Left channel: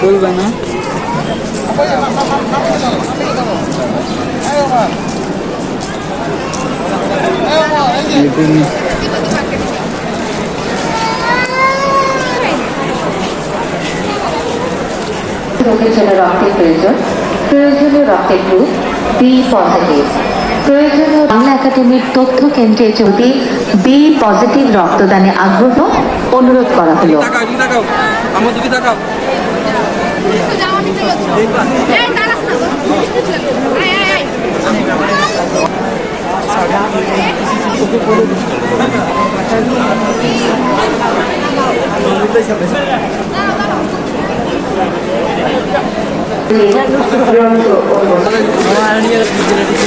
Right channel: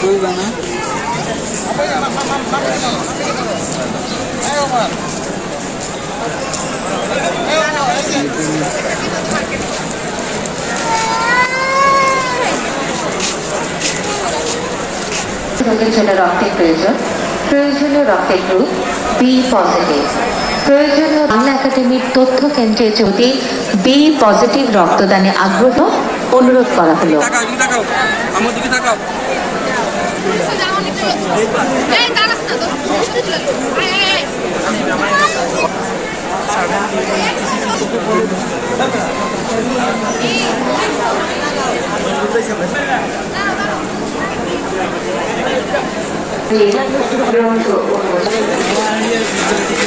তুলবে না? রোগের জন্য রক্তের প্রয়োজন। প্রয়োজনীয় রক্তের গ্রুপ বি পজিটিভ প্রয়োজনীয় বাংলা একাডেমির তথ্য কেন্দ্রে যদি বি পজিটিভ রক্তদানে আগ্রহ অনুরোধ করা হলো। Thank you. ありがとうございます。